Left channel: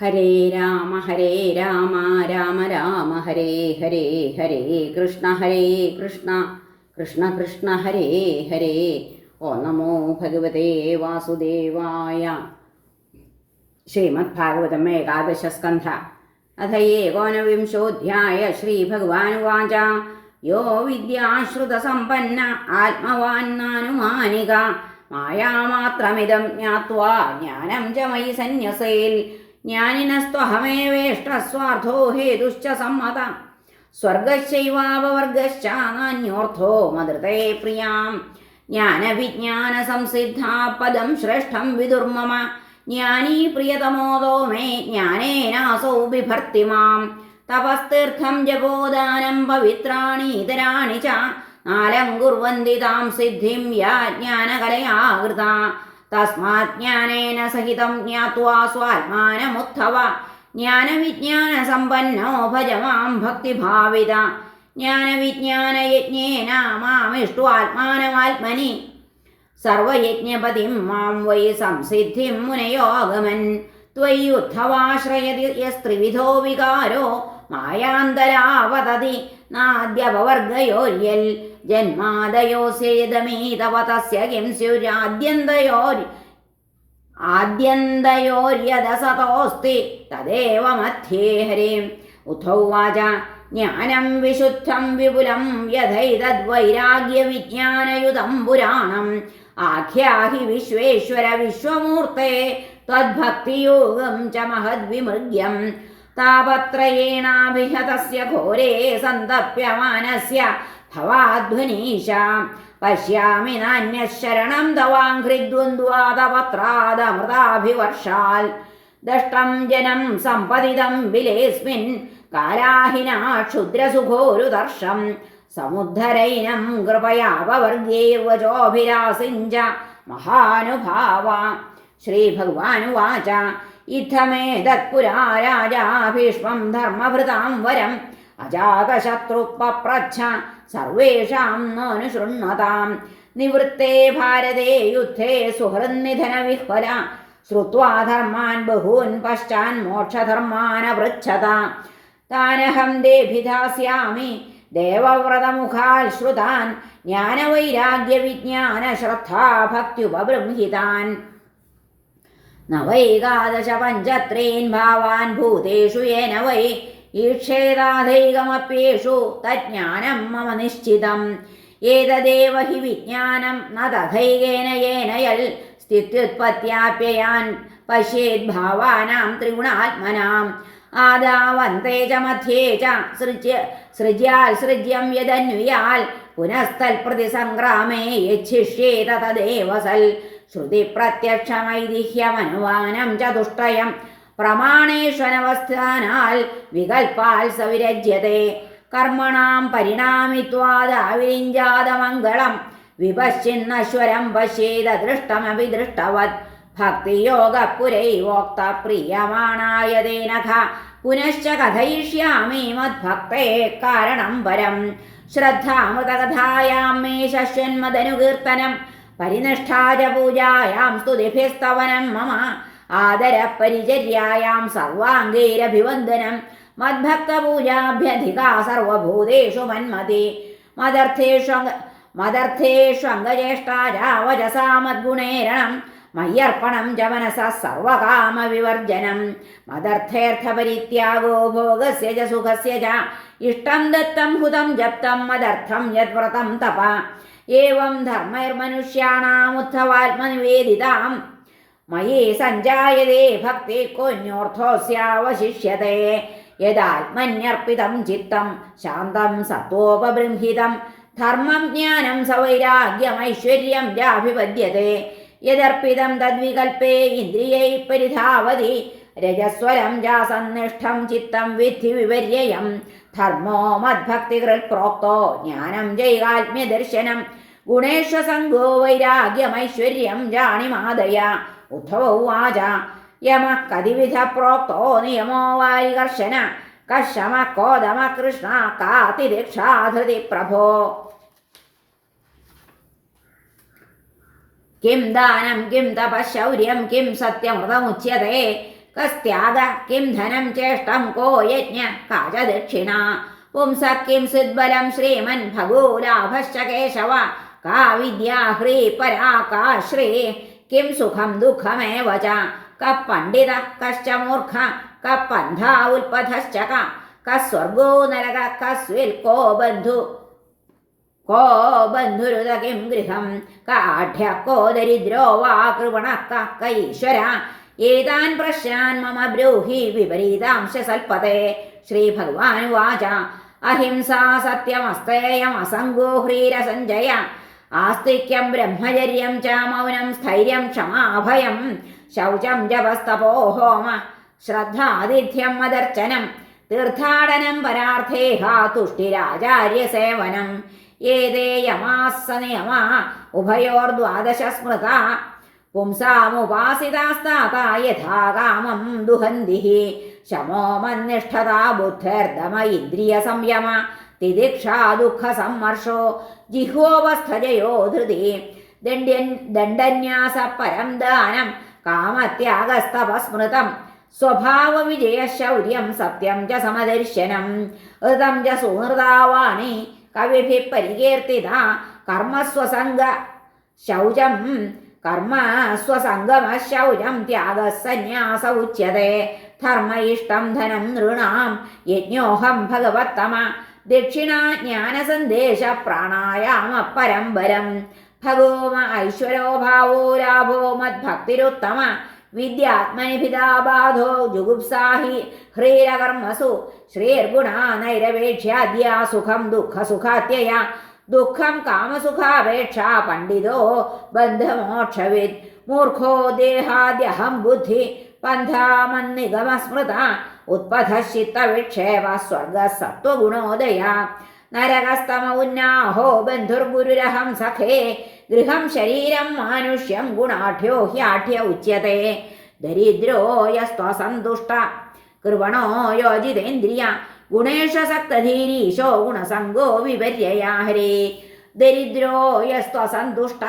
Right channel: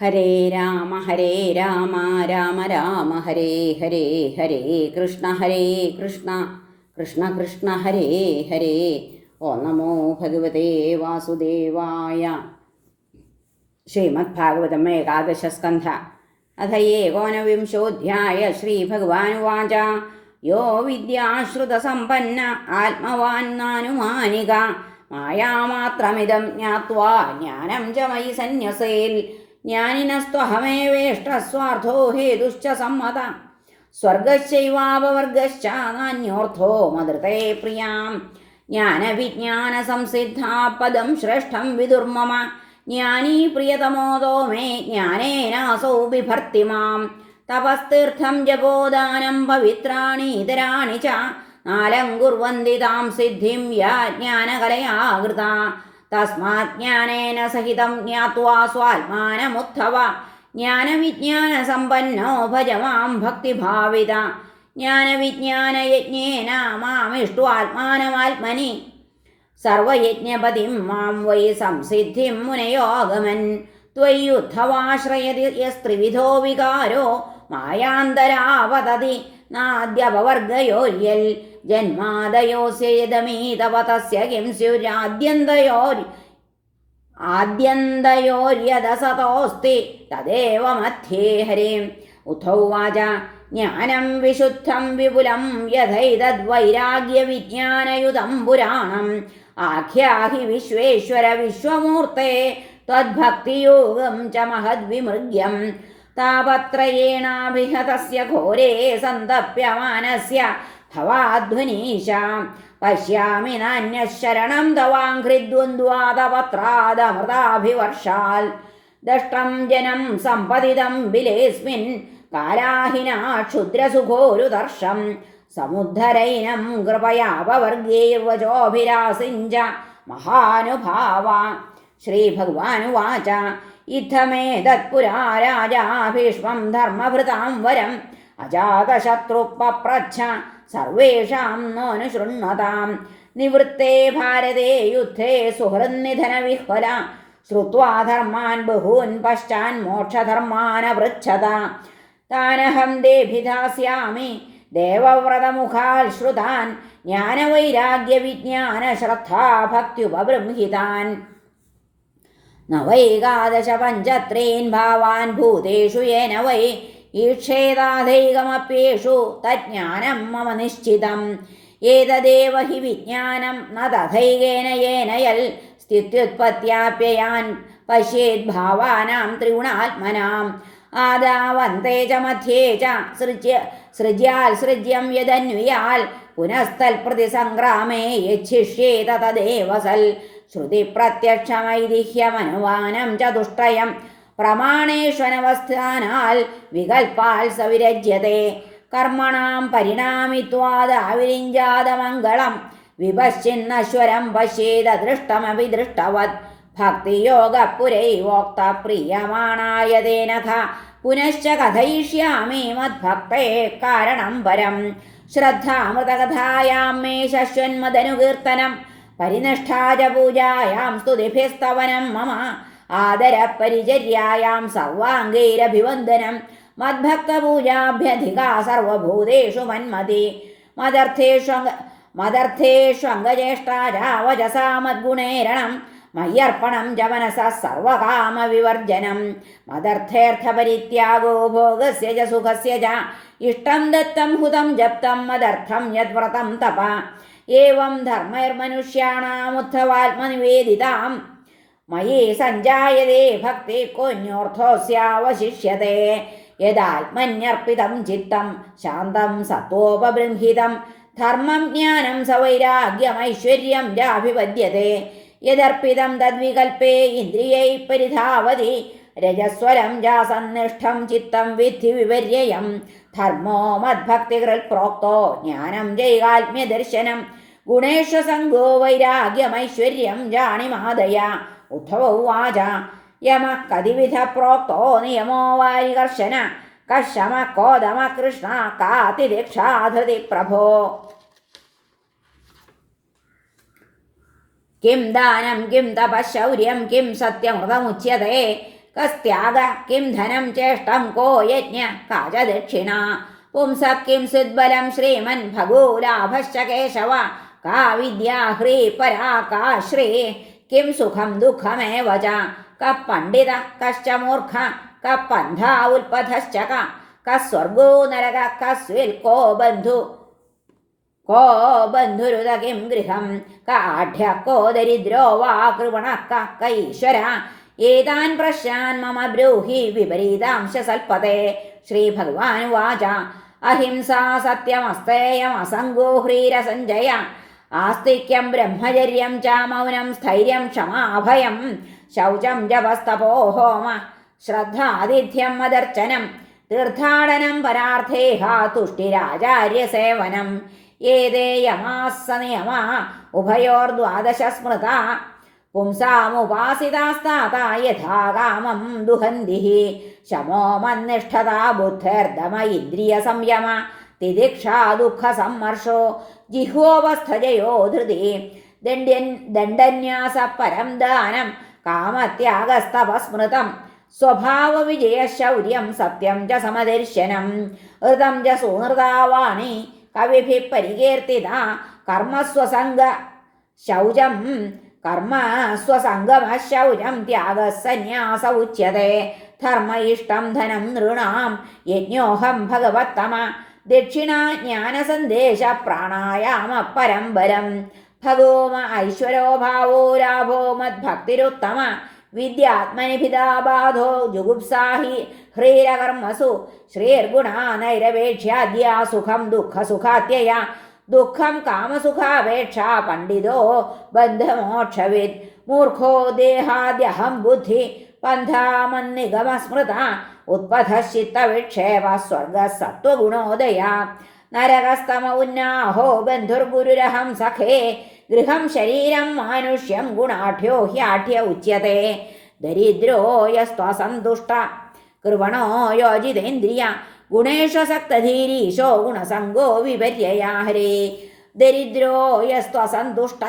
ഹരേ രാമ രാമ രാമ ഹരേ ഹരേ ഹരേ കൃഷ്ണ കൃഷ്ണ കൃഷ്ണ ഹരേ ഹരേ. ഓം നമോ ഭഗവതേ വാസുദേവായ. ശ്രീമദ്ഭാഗവതം ഏകാദശസ്കന്ധ അഥ ഏകോനവിംശോऽധ്യായ. ശ്രീഭഗവാനുവാച യോ വിദ്യാശ്രുതസമ്പന്ന ആത്മവാൻ നാനുമാനിക മായാമാത്രമിദം ജ്ഞാത്വാ ജ്ഞാനം ച മയി സന്യസേൽ. ജ്ഞാനിനസ്ത്വഹമേവേഷ്ടസ്വാർത്ഥോ ഹേതുശ്ച സമ്മത സ്വർഗശ്ചൈവാപവർഗശ്ച നാന്യോർത്ഥോ മദൃതേ പ്രിയാം. ജ്ഞാനവിജ്ഞാനസംസിദ്ധാ പദം ശ്രേഷ്ഠം വിദുർമമ ജ്ഞാനീ പ്രിയതമോദോ മേ ജ്ഞാനേനാസൗ ബിഭർത്തി മാം. തപസ്തീർത്ഥം ജപോദാനം പവിത്രാണി ഇതരാണി ച നാലം കുർവന്തി താം സിദ്ധിം യാ ജ്ഞാനകലയാ കൃതാ. തസ്മാത് ജ്ഞാനേന സഹിതം ജ്ഞാത്വാ സ്വാത്മാനമുത്ഥവ ജ്ഞാനവിജ്ഞാനസമ്പന്നോ ഭജ മാം ഭക്തിഭാവിത. ജ്ഞാനവിജ്ഞാനയജ്ഞേന മാമിഷ്ട്വാത്മാനമാത്മനി സർവയജ്ഞപതിം മാം വൈ സംസിദ്ധിം മുനയോഗമൻ. ത്വയ്യുദ്ധവാശ്രയതി യസ്ത്രിവിധോ വികാരോ മായാന്തരാവതതി നാദ്യപവർഗയോര്യൽ. ജന്മാദയോസ്യതമീതവ തസ്യ കിം സ്യുരാദ്യന്തയോര്യദസതോസ്തി തദേവ മധ്യേ ഹരേ. ഉദ്ധൗവാച ജ്ഞാനം വിശുദ്ധം വിപുലം യഥൈതദ്വൈരാഗ്യവിജ്ഞാനയുതം പുരാണം. ആഖ്യാഹി വിശ്വേശ്വര വിശ്വമൂർത്തേ ത്വദ്ഭക്തിയോഗം ച മഹദ്വിമൃഗ്യം. താപത്രയേണാഭിഹതസ്യ ഘോരേ സന്തപ്യമാനസ്യ ഭവാധ്വനീശ. പശ്യാമി നാന്യശരണം തവാഘ്രിദ്വന്ദ്വാദപത്രാദമൃതാഭിവർഷാൽ. ദഷ്ടം ജനം സമ്പതിതം ബിലേസ്മിൻ കാലാഹിനാ ക്ഷുദ്രസുഖോരുദർശം. സമുദ്ധരൈനം കൃപയാപവർഗൈർവചോഭിരാസിഞ്ച മഹാനുഭാവ. ശ്രീഭഗവാനുവാച ഇത്തമേതത്പുരാ രാജാ ഭീഷ്മം ധർമ്മഭൃതാം വരം അജാതശത്രുപപ്രച്ഛ സർവേഷാം നോനുശൃണ്വതാം. നിവൃത്തേ ഭാരതേ യുദ്ധേ സുഹൃന്നിധനവിഹ്വല ശ്രുത്വാ ധർമാൻ ബഹൂൻ പശ്ചാൻ മോക്ഷധർമാനവൃച്ഛത. താനഹം ദേഭിധാസ്യാമി ദേവവ്രതമുഖാൽ ശ്രുതാൻ ജ്ഞാനവൈരാഗ്യവിജ്ഞാനശ്രദ്ധാഭക്ത്യുപബൃംഹിതാൻ. നവൈകാദശ പഞ്ചത്രീൻ ഭാവാൻ ഭൂതേഷു യേന വൈ ഈക്ഷേതാധൈകമപ്യേഷു തജ്ഞാനം മമ നിശ്ചിതം. ഏതദേവ ഹി വിജ്ഞാനം ന തഥൈകേന യേന യൽ സ്ഥിത്യുത്പത്യാപ്യയാൻ പശ്യേദ്ഭാവാനാം ത്രിഗുണാത്മനാം. ആദാവന്തേ ച മധ്യേ ച സൃജ്യാൽ സൃജ്യം യദന്വിയാൽ പുനസ്തൽപ്രതിസംഗ്രാമേ യച്ഛിഷ്യേത തദേവ സൽ. ശ്രുതിപ്രത്യക്ഷമൈതിഹ്യമനുമാനം ചതുഷ്ടയം പ്രമാണേഷ്വനവസ്ഥാനാൽ വികൽപ്പാൽ സവിരജ്യത്തെ. കർമ്മണാം പരിണാമിത്വാദാവിരിഞ്ചാതമംഗളം വിപശ്ചിന്നശ്വരം പശ്യേദൃഷ്ടമപി ദൃഷ്ടവത്. ഭക്തിയോഗപുരൈവോക്ത പ്രീയമാണായ തേനഘ പുനശ്ച കഥയിഷ്യാമി മദ്ഭക്തേ കാരണം പരം. ശ്രദ്ധാമൃതകഥായാം മേ ശശ്വന്മദനുകീർത്തനം പരിനിഷ്ഠാ ച പൂജായാം സ്തുതിഭിസ്തവനം മമ. ആദരപരിചര്യായാം സർവാംഗൈരഭിവന്ദനം മദ്ഭക്തപൂജാഭ്യധികാ സർവഭൂതേഷു മന്മതി. മദർത്ഥേഷ്വംഗജ്യേഷ്ഠാ ച വചസാ മദ്ഗുണേരണം മയ്യർപ്പണം ച മനസഃ സർവകാമവിവർജനം. മദർത്ഥേർത്ഥപരിത്യാഗോ ഭോഗസ്യ ച സുഖസ്യ ച ഇഷ്ടം ദത്തം ഹുതം ജപ്തം മദർത്ഥം യദ്വ്രതം തപ. ഏവം ധർമ്മൈർമനുഷ്യാണാമുത്ഥവാത്മനിവേദിതാം മയി സഞ്ജായതേ ഭക്തി കോന്യോർത്ഥോസ്യാവശിഷ്യത്തെ. യദാത്മന്യർപ്പിതം ചിത്തം ശാന്തം സത്വോപബൃംഹിതം ധർമ്മം ജ്ഞാനം സവൈരാഗ്യമൈശ്വര്യം ചാഭിപദ്യത്തെ. യദർപ്പിതം തദ്വികൽപ്പേ ഇന്ദ്രിയൈ പരിധാവതി രജസ്വരം ചാസന്നിഷ്ഠം ചിത്തം വിദ്ധി വിപര്യം. ധർമ്മോ മദ്ഭക്തികൃൽ പ്രോക്തോ ജ്ഞാനം ജൈകാത്മ്യദർശനം ഗുണേശ്വസംഗോ വൈരാഗ്യമൈശ്വര്യം ജാണിമാദയ. ഉദ്ധവോവാച യമഃ കതിവിധ പ്രോക്തോ നിയമോ വാരികർശന കശമ കോദമ കൃഷ്ണ കാതിരക്ഷാധൃതി പ്രഭോ. കിം ദാനം കിം തപശൗര്യം കിം സത്യമൃതമുച്യത്തെ കസ്ത്യാഗ കിം ധനം ചേഷ്ടം കോ യജ്ഞ കാച ദക്ഷിണ പുംസഃ കിം സുദ്ബലം ശ്രീമൻ ഭഗോലാഭശ്ച കേശവ കാ വിദ്യാ ഹ്രീ പരാ കാ ശ്രീ കിം സുഖം ദുഃഖമേവ ച കഃ പണ്ഡിത കശ്ച മൂർഖ കഃ പന്ഥാ ഉൽപഥശ്ച കഃ സ്വർഗോ നരക കസ്വിൽ കോ ബന്ധുരുത കിം ഗൃഹം കാഠ്യ കോ ദരിദ്രോ വാ കൃപണഃ കഃ ഈശ്വര ഏതാൻ പ്രശ്നാൻ മമ ബ്രൂഹി വിപരീതാംശ സൽപതേ. ശ്രീഭഗവാനുവാച അഹിംസാ സത്യമസ്തേയം അസംഗോ ഹ്രീരസഞ്ജയ ആസ്തിക്യം ബ്രഹ്മചര്യം ച മൗനം സ്ഥൈര്യം ക്ഷമാഭയം ശൗചം ജപസ്തപോ ഹോമ ശ്രദ്ധാതിഥ്യം മദർച്ചനം തീർത്ഥാടനം പരാർത്ഥേഹ തുഷ്ടിരാചാര്യസേവനം ഏതേ യമാസ്സ നിയമാ ഉഭയോർദ്വാദശ സ്മൃതാ പുംസാമുപാസിതാസ്താത യഥാ കാമം ദുഹന്തി ശമോ മന്നിഷ്ഠതാ ബുദ്ധിർദമ ഇന്ദ്രിയ സംയമ തിദിക്ഷാ ദുഃഖ സമ്മർഷോ ജിഹ്വോപസ്ഥജയോ ധൃതി ദണ്ഡന്യാസ പരം ദാനം കാമത്യാഗസ്തപസ്മൃതം സ്വഭാവ വിജയ ശൗര്യം സത്യം ച സമദർശനം ഋതം ച സുഹൃതാവാണി കവിഭിഃ പരികീർത്തിത കർമ്മസ്വസംഗ ശൗചം കർമ്മസ്വസംഗമശൗചം ത്യാഗസന്യാസ ഉച്യത്തെ ധർമ്മ ഇഷ്ടം ധനം നൃണാം യജ്ഞോഹം ഭഗവത്തമ ദക്ഷിണാ ജ്ഞാനസന്ദേശ പ്രാണായാമ പരംബരം ഭഗോമ ഐശ്വരോ ഭാവോ ലാഭോ മദ്ഭക്തിരുത്തമ വിദ്യാത്മനിഭിതാബാധോ ജുഗുപ്സാഹി ഹ്രീരകർമ്മസു ശ്രീർഗുണാ നൈരവേക്ഷ്യാദ്യ സുഖം ദുഃഖസുഖാത്യയ ദുഃഖം കാമസുഖാപേക്ഷ പണ്ഡിതോ ബന്ധമോക്ഷവിദ് മൂർഖോ ദേഹാദ്യഹം ബുദ്ധി പന്ഥാമന്നിഗമസ്മൃത ഉത്പഥശ്ചിത്തവിക്ഷേപ സ്വർഗസത്വഗുണോദയ നരകസ്തമ ഉന്നാഹോ ബന്ധുർഗുരുരഹം സഖേ ഗൃഹം ശരീരം മാനുഷ്യം ഗുണാഠ്യോ ഹ്യാഠ്യ ഉച്യത്തെ ദരിദ്രോ യസ്ത്വസന്തുഷ്ട കൃപണോ യോജിതേന്ദ്രിയ ഗുണേഷു സക്തധീരീശോ ഗുണസംഗോ വിപര്യയാ ഹരേ ദരിദ്രോ യസ്ത്വസന്തുഷ്ട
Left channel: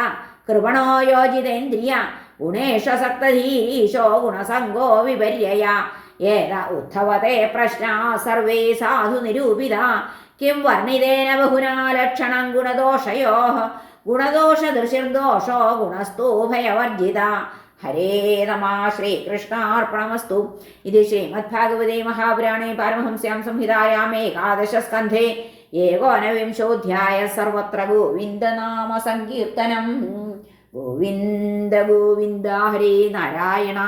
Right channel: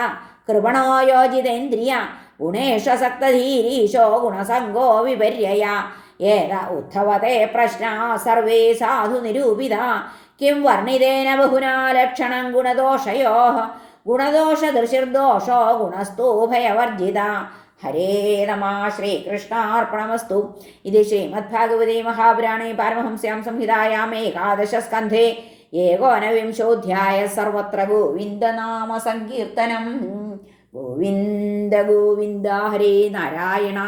കൃപണോ യോജിതേന്ദ്രിയ ഗുണേഷു സക്തധീരീശോ ഗുണസംഗോ വിപര്യയാ ഏത ഉദ്ധവത്തെ പ്രശ്നാ സർവേ സാധു നിരൂപിത കിം വർണ്ണിതേന ബഹുനാ ലക്ഷണം ഗുണദോഷയോഃ ഗുണദോഷദൃശിർദോഷോ ഗുണസ്തോഭയവർജിത. ഹരേ നമഃ. ശ്രീകൃഷ്ണാർപ്പണമസ്തു. ഇത് ശ്രീമദ്ഭാഗവതേ മഹാപുരാണേ പാരമഹംസ്യാം സംഹിതായാം ഏകാദശസ്കന്ധേ ഏകോനവിംശോऽധ്യായः. സർവത്ര ഗോവിന്ദനാമ സങ്കീർത്തനം. ഗോവിന്ദ ഗോവിന്ദ. ഹരേ നാരായണ.